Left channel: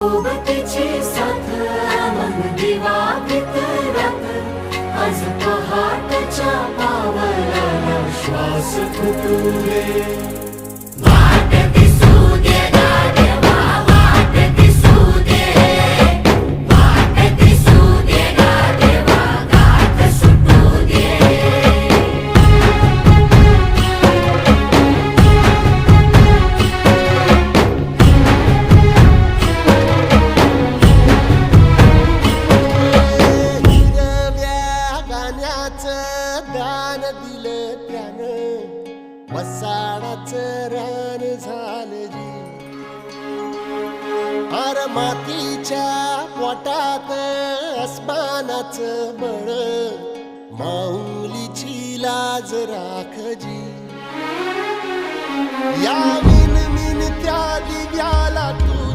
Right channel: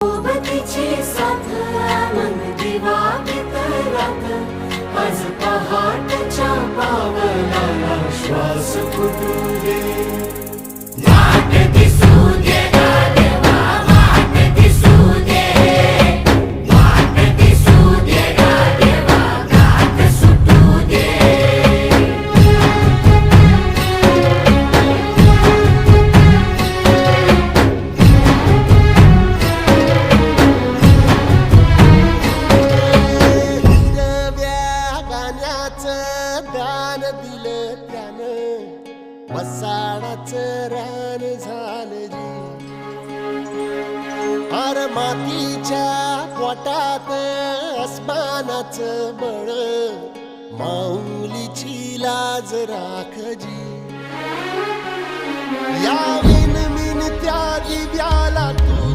सोबतीची साथ मन दिवाळीत रात आज पहाटच्या पावलाला श्वास फुटू दे. वाट दिसू दे गाढवा, वाट दिसू दे, वाट दिसू दे गाढवा, गाठ सुटू दे. दान दिलं त्यानं वसाडाचं रान झालं जी. अर मातीच्या पोटात अस्मानाचं बळ माऊलीची लाज राख जी. या विनमिन त्या दिव्याला तू